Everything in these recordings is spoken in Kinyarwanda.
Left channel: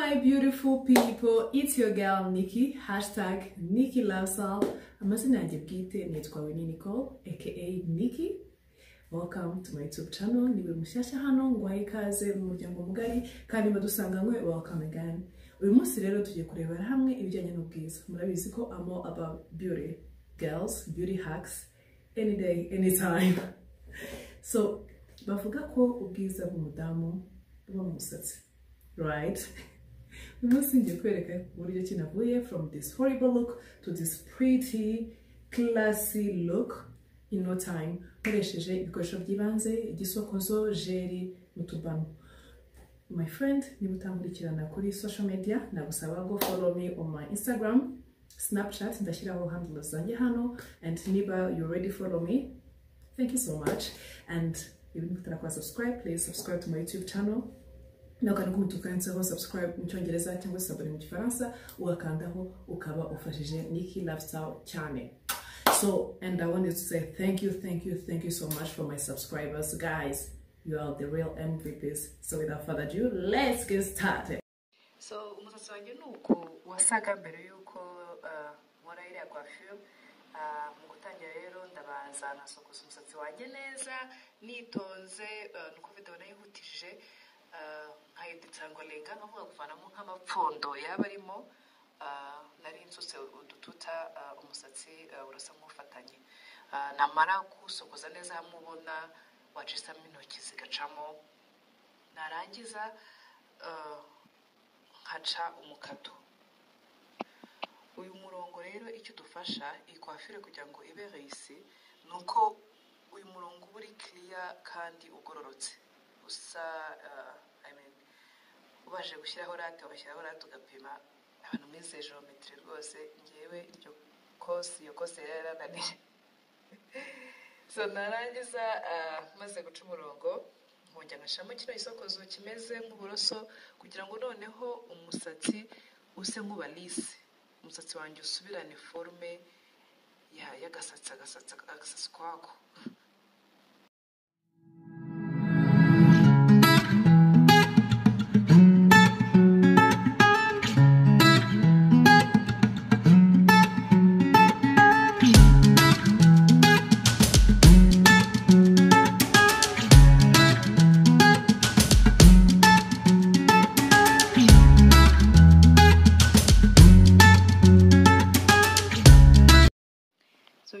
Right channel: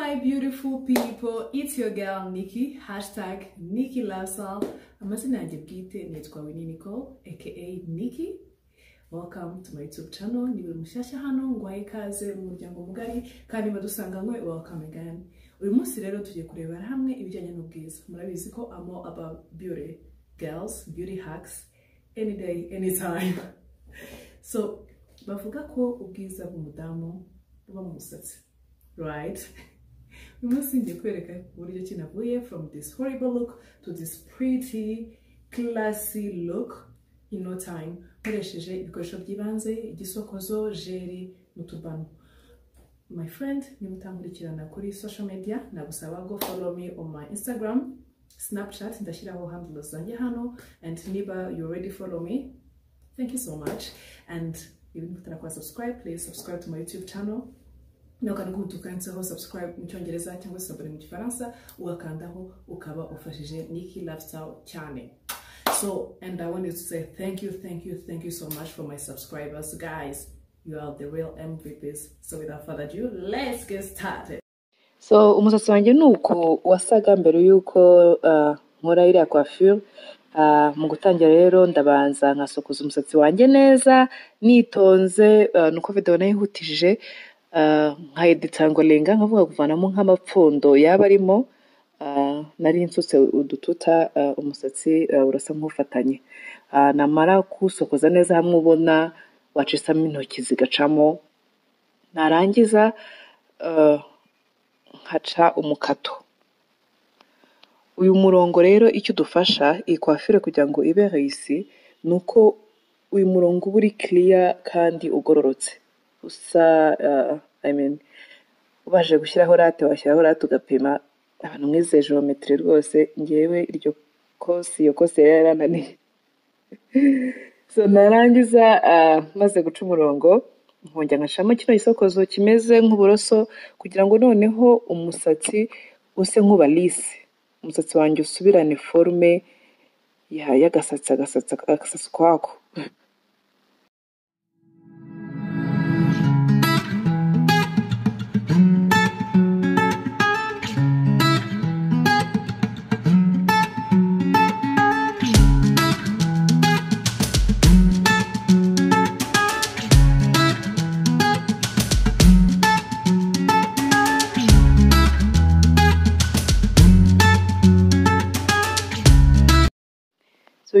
my beautiful people, it's your girl Nikki, hashtag Nikki Lifestyle. Amazina yanjye bwite nitwa Nicole aka Nikki. Welcome to my YouTube channel. Niwe mushyashya hano ngwaye ikaze mu muryango mugari kandi badusanganywe welcome again. Uyu munsi rero tugiye kurebera hamwe ibijyanye n'ubwiza. Murabizi ko amo about beauty, girls, beauty hacks any day, anytime. So bavuga ko ubwiza bw'umudamu buba mu musatsi. Right? We must see the kwereka from this horrible look to this pretty, classy look in no time. Nkoresheje ibikoresho by'ibanze, igisokozo, jeri, n'utubano. My friend, niba utankurikirana kuri social media, nagusaba go follow me on my Instagram, Snapchat, ndashyiraho handles zanjye hano, and niba you already follow me, thank you so much. And even if you subscribe, please subscribe to my YouTube channel. No kandi kumutukanseho subscribe mu cyongereza cyangwa se abone mu gifaransa ugakandaho ukaba ufashije Nikki Lifestyle cyane. So, and I wanted to say thank you so much for my subscribers, guys. You are the real MVPs. So without further ado, let's get started. So umusatsi wanjye nuko wasaga mbere yuko nkora iriya coiffure. Mu gutangira rero ndabanza nkasokoza umusatsi wanjye neza nitonze nuko video nayihutishije nkayeditangolenga nkavuga kuvanamo nk'amapfundo yaba arimo nari nsutse udututa umusatsi urasa nk'ufatanye namara kusokoza neza hamwe ubona wacisamo intoki zigacamo narangiza nkaca umukato. Uyu murongo rero icyo dufasha iyi coiffure kugira ngo ibe réussi nuko uyu murongo uba uri clear kandi ugororotse usa ubaje gushyiraho rate washyiraho rate ugapima abantu mwize geometry rwose ngewe iryo iyo kose yarananiye. So narangiza maze guca umurongo nkongera nkashamo kino gisokozo kimeze nk'uburoso kugira ngo noneho umusatsi use nk'uba lisse, umusatsi wanjye usubirane forme y'agasatsi kwako.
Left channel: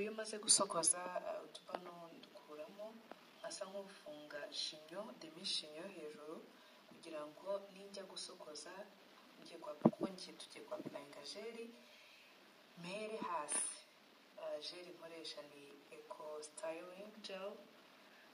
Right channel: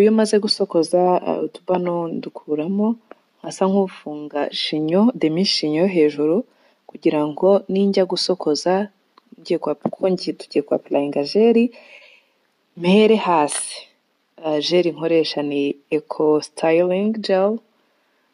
Iyo maze gusokoza utubano ndukuramo asa nk'ufunga chignon, demi chignon hejuru kugira ngo ninjya gusokoza tugiye kwa applyinga jeri mere hasi. Jeri nkoresha ni eco styling gel,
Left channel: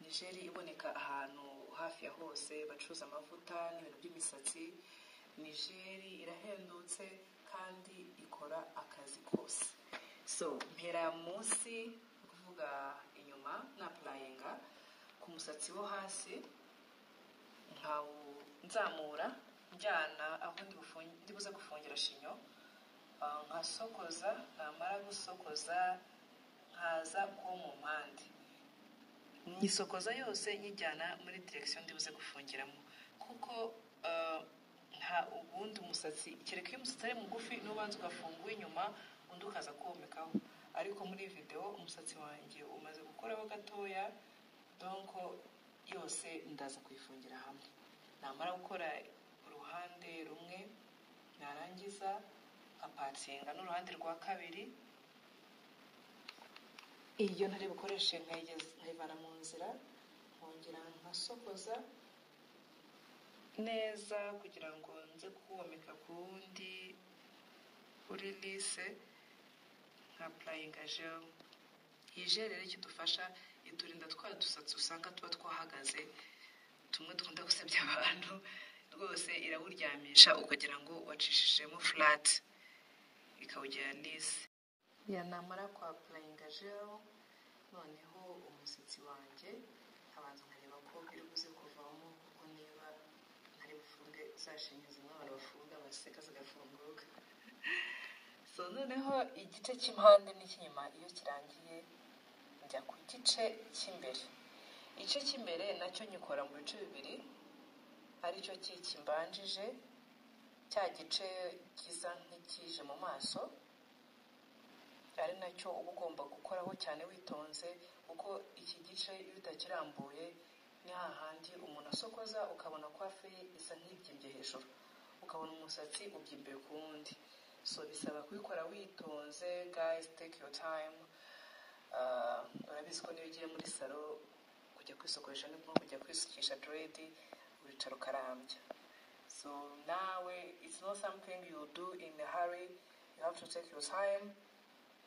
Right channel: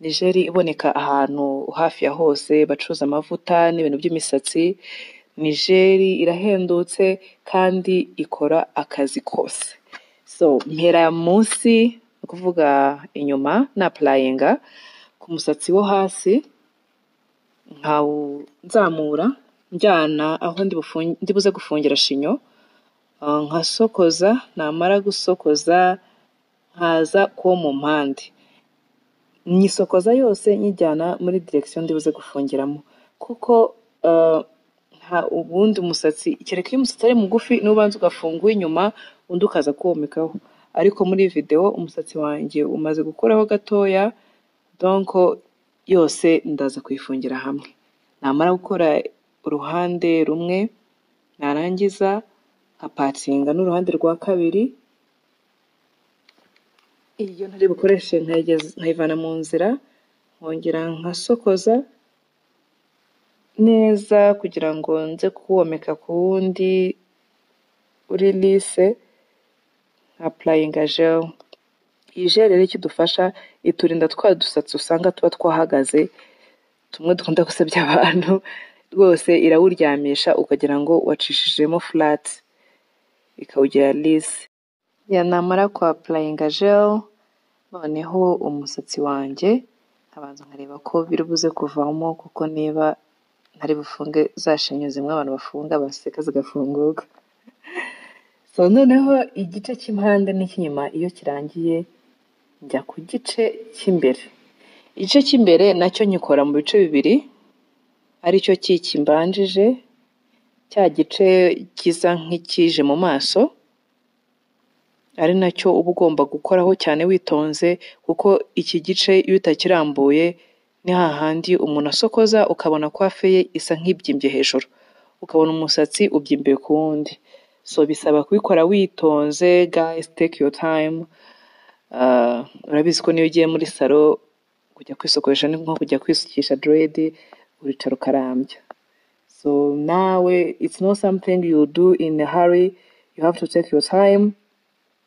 ni jeri iboneka ahantu hafi ya hose bacuruza amavuta n'ibintu by'imisatsi. Ni jeri irahendutse kandi ikora akazi kose. So mpera munsi kuvuga inyuma na applyinga ku musatsi wo hasi nzamura njyana aho ndibuze gufungira chignon nkasokoza. Namara gusokoza nkaza ko mu mpande nyisokoza yose nyijyana muri direction ndibuze gufungiramo kuko ubundi umusatsi kereka iyo umusatsi ari mugufi n'ubanza ugafunga inyuma undi ukaza kuwomekaho, ariko muri video umusatsi wanjye umaze gukoraho gatoya donc yose ndaza kuyifungira hamwe. Namara gukora uruhande rumwe narangiza nkapatinga n'uruhande rwa kabiri. Iyo ntari bukoreshe nkayivana mu nzira nkongera nkasokoza neza kugira ngo nze kuwomeka ku wundi uri lisse. Applyinga gel. Iyi gel rero icyo dufasha iturinda twa dusatsi usanga tuba twahagaze tumwe dukunda gusebya abantu rwose irawuryamisha ukagira ngo wacishijemo flat ikawugira lisse. Namara kwa applyinga gel noneho umusatsi wanjye abanza nkareba ko biribuze kuvamo kuko niba ntari bufunge za shinyo zimwe abantu bafunga baseka zigafunguka. So noneho igice cy'impande n'icy'inyuma iyo kirangiye njya ku gice cy'imbere. Igice cy'imbere nacyo nyikora mu bice bibiri, ari cyo cy'ikimbanjije cya gice gisa nk'ikije mu maso, ari nacyo uba ugomba gukoraho cyane witonze, kuko iki gice iyo utakirambuye ni hahandi umuntu asokoza ukabona coiffe ye isa nk'ibyimbye hejuru, ukabona umusatsi ubyimbiye ku wundi. So bisaba kubikora witonze, guys, take your time. Urabizi ko niyo ugiye muri salo kujya kwisokoresha ni nko kujya kwisukisha dread, uricara ukarambya. So nawe it's not something you do in a hurry, you have to take your time,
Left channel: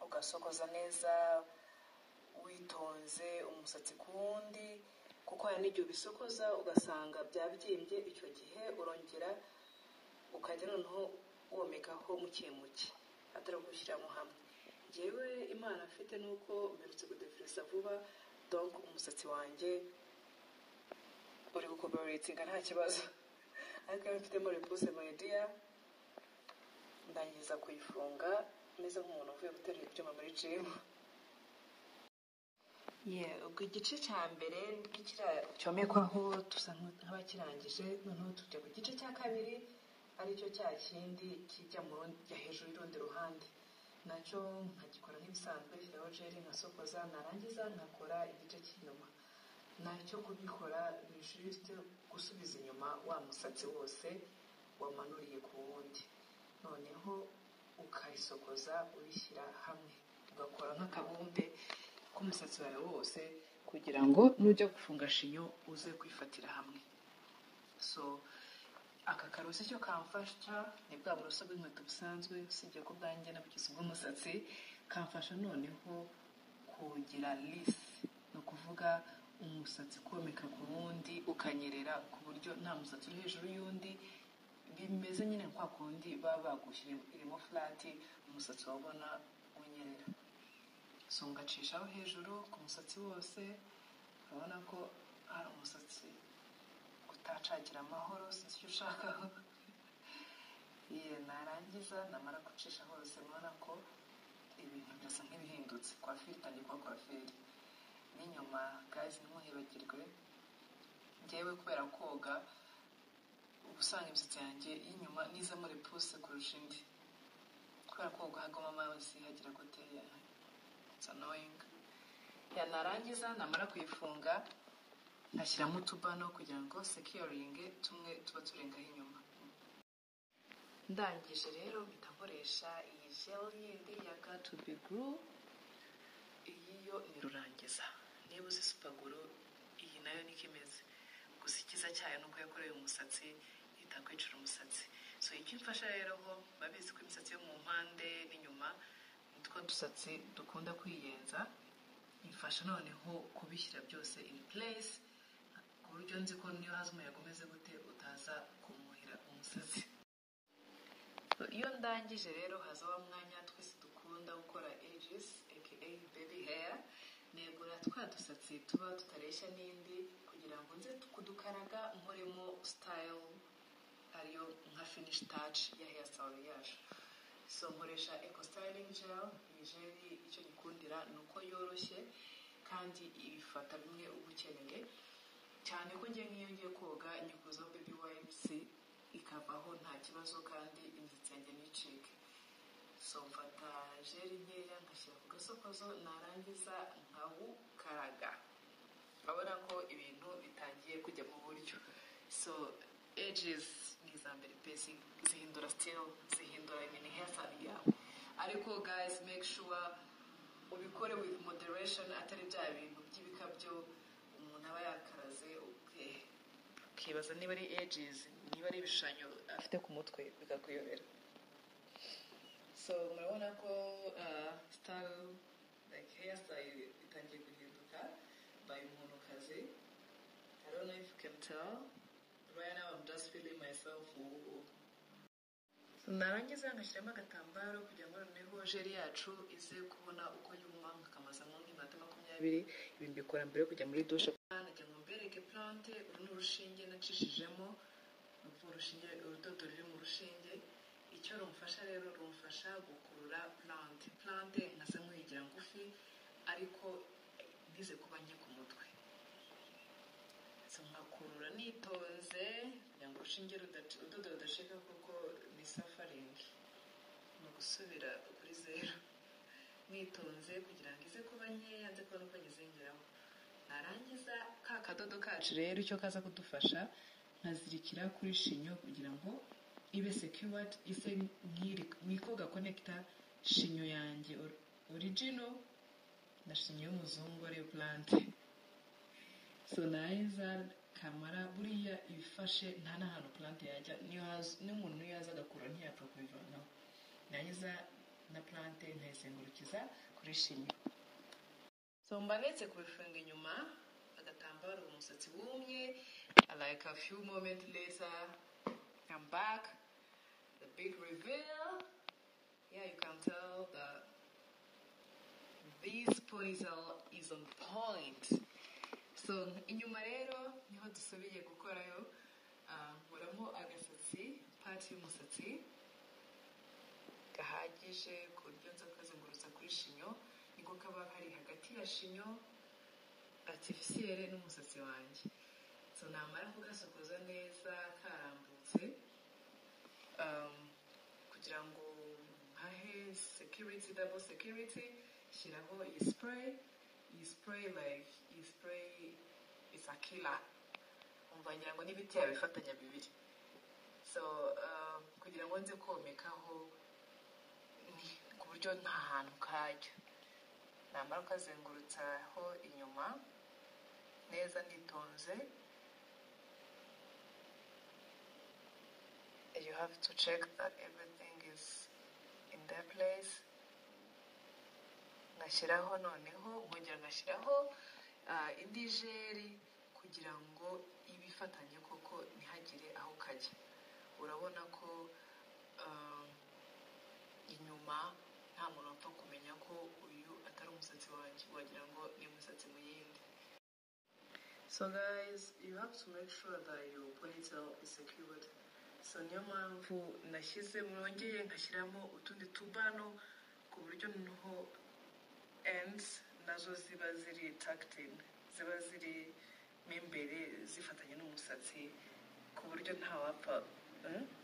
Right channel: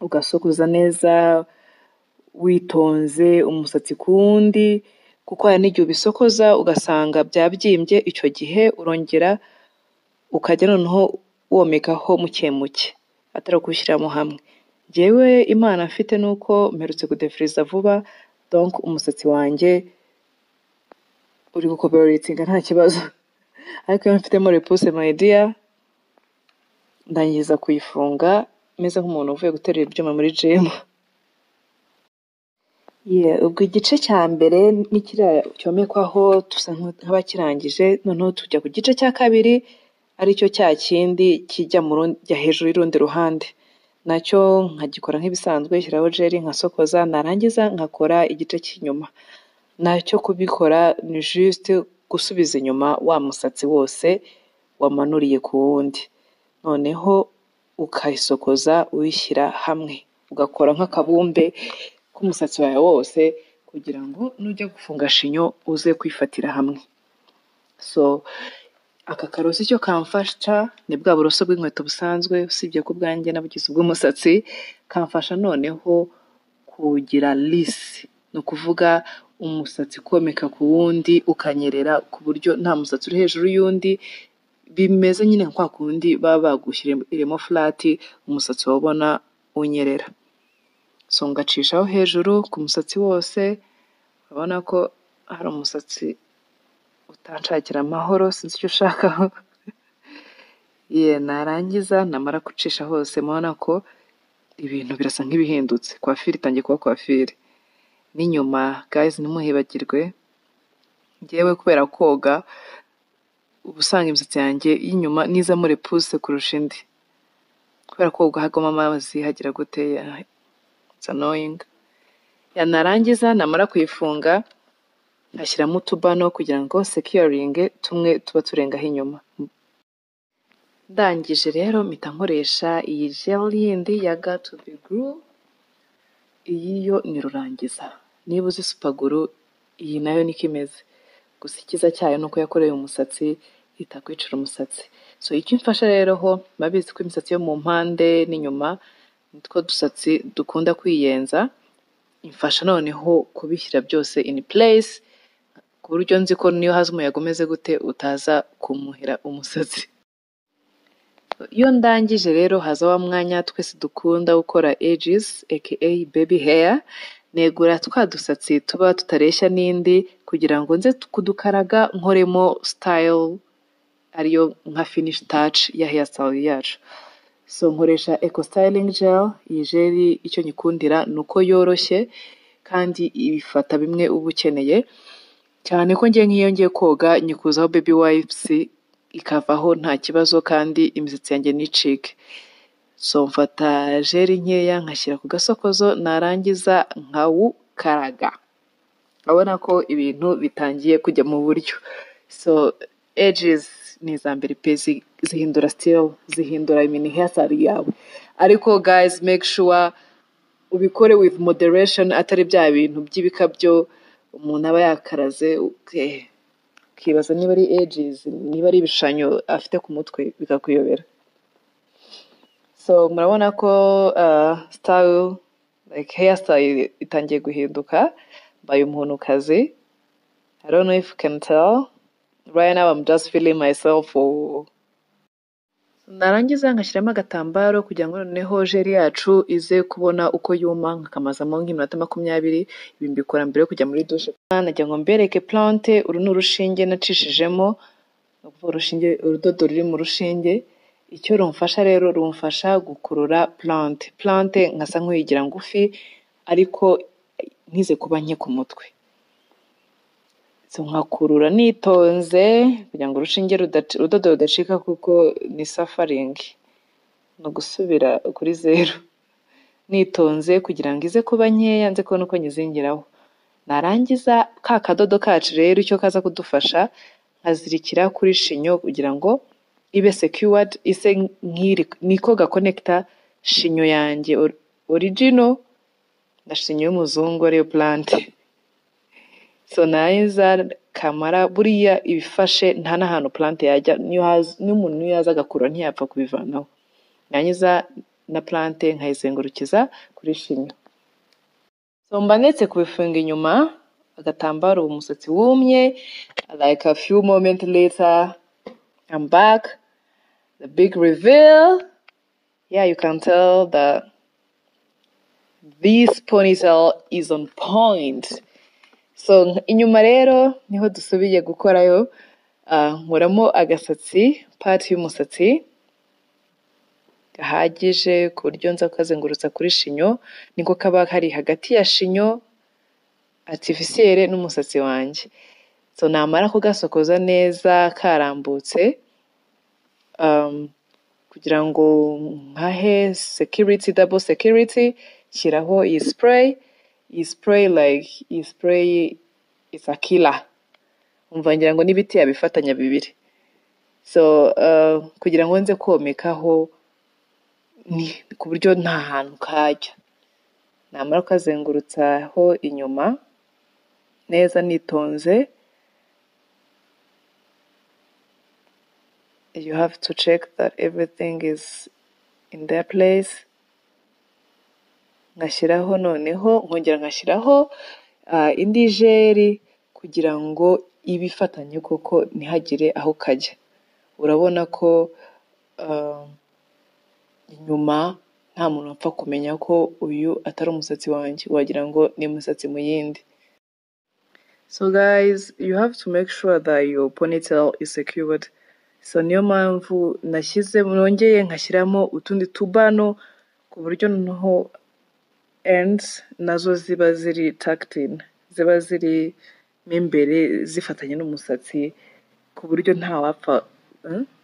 ugasokoza neza witonze umusatsi ku wundi, kuko hari n'igihe ubisokoza ugasanga byabyimbye, icyo gihe urongera ukajya noneho womekaho muke muke atari kubishyiramo hamwe. Njyewe imana mfite nuko mperutse kudefiriza vuba, donc umusatsi wanjye uri gukoperetinga nta kibazo. Ariko iyo mfitemo repousse my dear, ndangiza kuyifunga meze nk'umuntu uvuye guterura ibyuma muri gym. Ubwo igice cya mbere nikiriya cyomekwaho tusa nk'abakirangije, noneho tujya ku gice cya kabiri aricyo cya kindi kijya hejuru y'urundi ruhande, nacyo nkagikora nk'ibisanzwe, shyiraho gel nkasokoza, narangiza nkakora igice cy'inyuma. Nacyo kubikora ni juste gusubiza inyuma wa musatsi wose wamanuriye ku wundi, noneho ukayisokoza uyishyira hamwe, ugakora nk'akabumbe k'umusatsi wawe wose, kugira ngo nujya gufunga shinyo uze kwifatira hamwe. So aka karoso icyo kamfasha ni bwa buroso bw'inkweto busanzwe, usibye ko ubwanjye nabugize ubw'umusatsi, kamfasha noneho kugira lisse, ni ukuvuga umusatsi komeka ku wundi ukanyerera, ku buryo nta musatsi uri hejuru y'undi, bimeze nyine nka kwa kundi baba bagushyiremo flat, umusatsi wabona unyerera. So ngacishaho hejuru ku musatsi wose, urabona ko hari umusatsi utanshakira amahoro, sinzi icyo ushakaho. Narangiza namara gucisha hose, mubona ko ibintu birasa nk'ibihindutse, coiffure itangiye kuba coiffure. N'inyuma guys, ntimuhibagirwe, njyewe kubera koga uba usanga imisatsi yanjye y'inyuma niza muri repousse kurusha indi, kubera koga hagoma amazi hagira gute, it's annoying. Narangiza namara kuyifunga nkashyiramo utubano kugira ngo securing tumwe tuba turengaho inyuma. Ndangije rero mpita nkoresha iyi gel yindi ya Got to be Glue, iyi yo ni rurangiza. Niba uzi supaguru, iyi nayo niko imeze, gusa ikiza cyayo nuko yakoreye umusatsi itakwicira umusatsi. So icyo mfasha rero ho, babizi ko imisatsi yo mu mpande n'inyuma nitwo dusatsi dukunda kwiyenza, imfasha noneho kubishyira byose in place, ku buryo nzi ko niyo haza umuyaga umeze gute utaza kumuhira umusatsi. Iyo ndangije rero haza wa mwanya twese dukunda gukora edges aka baby hair, negura twa dusatsi tuba tutareshya n'indi kugira ngo nze kudukaraga nkoremo style ariyo nka finish touch ya hairstyle yacu. So nkoresha eco styling gel. Iyi gel icyo nyikundira nuko yoroshye kandi ibifata bimwe uba ukeneye, cyane ko ngiye nk'iyo ngiye koga nyikuzaho baby wipes ikavaho nta kibazo, kandi imisatsi yanjye nicike. So mfata gel nkeya nkashyira ku gasokozo, narangiza nkawukaraga, abona ko ibintu bitangiye kujya mu buryo. So edges ni iza mbere pe, zihindura style, zihindura mini hairstyle yawe. Ariko guys, make sure ubikore with moderation, atari bya bintu by'ibikabyo umuntu aba yakaraze ukibaza niba ari edges, niba ari ibishushanyo afite ku mutwe bikakuyobera. So murabona ko style like hairstyle itangiye guhinduka, mbaye umuhunukazi. I don't know if you can tell. Right now I'm just feeling myself. Narangiza ngashyiramo agatambaro kugira ngo noneho gel yacu ize kubona uko yuma, nkakamazamo nk'iminota 20. Ibi mbikora mbere yo kujya muri douche. Nagira ngo mbereke plante, uru ni urushinge nacishijemo, urushinge, urudodo ruri mu rushinge. Icyo rumfasha rero, rumfasha gukurura plante nkasa nk'uyigira ngufi, ariko ntize kuba nke ku mutwe. so nkakurura nitonze kugira ngo urushinge urudodo rudacika kuko ni suffering no gusubira kuri zero nitonze kugira ngo ize kuba nkeya nze kubona uko nyizingiraho narangiza ka kadodo kacu rero icyo kaza kudufasha nkazirikira kuri shinyo kugira ngo ibe secured ise nk'iri niko gakonekta shinyo yanjye original na shinyo y'umuzungu ariyo plant so nayiza kamara buriya ibifashe nta n'ahantu plant yajya n'umuntu yaza agakura ntiyapfa kubivanaho nanyiza na plant nkayizengurukiza kuri shinyo so mba ndetse kubifunga inyuma agatambaro umusatsi wumye like a few moments later I'm back the big reveal yeah you can tell that this ponytail is on point so inyuma rero niho dusubiye gukorayo nkuramo agasatsi part y'umusatsi gahagije ku buryo nza kukazengurutsa kuri shinyo niko kaba kari hagati ya shinyo artificielle n'umusatsi wanjye so namara kugasokoza neza karambutse kugira ngo nkahe security double security shyiraho iyi spray like iyi spray is a killer umva ngira ngo n'ibiti yabifatanya bibiri so kugira ngo nze komekaho ni ku buryo nta hantu kajya namara kazengurutsaho inyuma neza nitonze you have to check that everything is in their place ngashyiraho noneho nkongera ngashyiraho indi jeri kugira ngo ibifatanye koko ntihagire aho kajya urabona ko inyuma nta muntu apfa kumenya ko uyu atari umusatsi wanjye wagira ngo ni umusatsi mu yindi so guys you have to make sure that your ponytail is secured so niyo mpamvu nashyize nongeye nkashyiramo utundi tubano ku buryo noneho ends nazo ziba ziri tucked in ziba ziri imbere zifatanye n'umusatsi ku buryo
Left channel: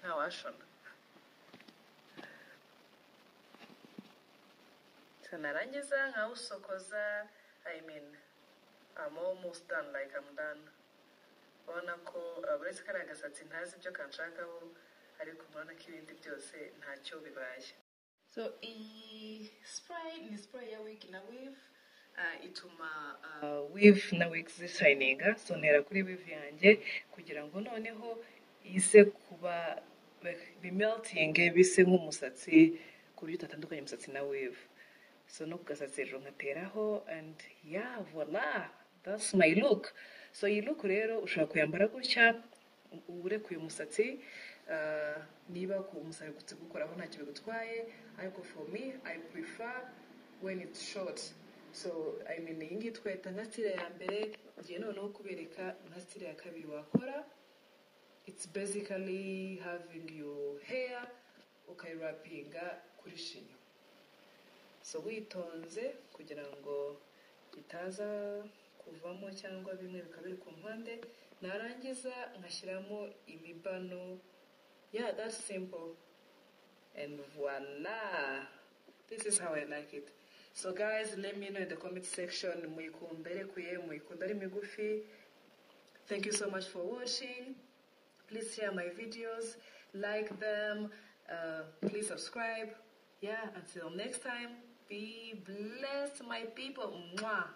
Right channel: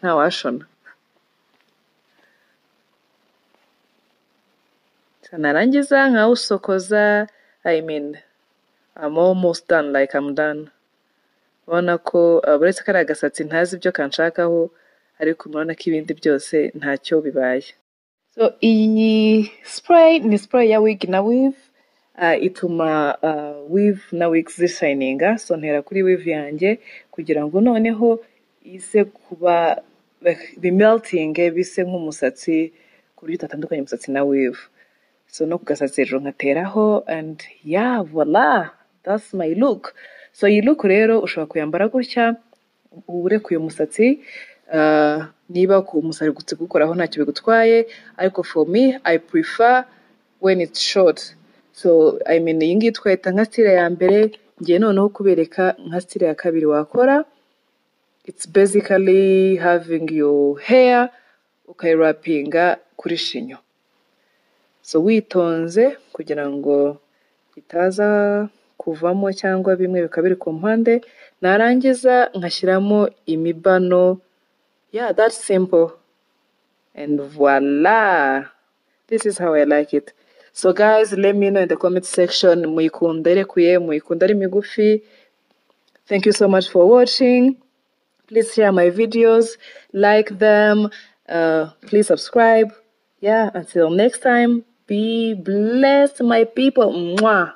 ntawashona narangiza nkawusokoza I mean I'm almost done like I'm done ubona ko buretse kari agasatsi ntazi ibyo kanshakaho ariko murabona ko ibindi byose ntacyo bibaye so iyi spray ni spray ya wig na weave ituma weave na wigs zishininga so ntera kuri weave yanjye kugira ngo noneho ise kuba bimelting bise nk'umusatsi ku buryo utatandukanye umusatsi na weave so no kugasatsi rero nkateraho and yeah voila that's my look so iyi look rero ushobora kuyambara gutya urekuye umusatsi niba ku umusatsi gutse gukoraho ntacyo bigutwaye ariko for me I prefer when it's short so I mean iyi ngiyi twahita nka style ya mbere ngiye noneho kubereka nka style ya kabiri wakora it's basically having your hair ukayirapinga kuri shinyo so witonze kugira ngo bitaza kuvamo cyangwa bimwe bikaba biri ku mpande narangiza nkashyiramo imibano yeah that's simple and voila this is how I like it so guys let me know in the comment section muyikunda irekuye muyikunda ari migufi thank you so much for watching please share my videos like them please subscribe yeah until next time be blessed my people. Mwah.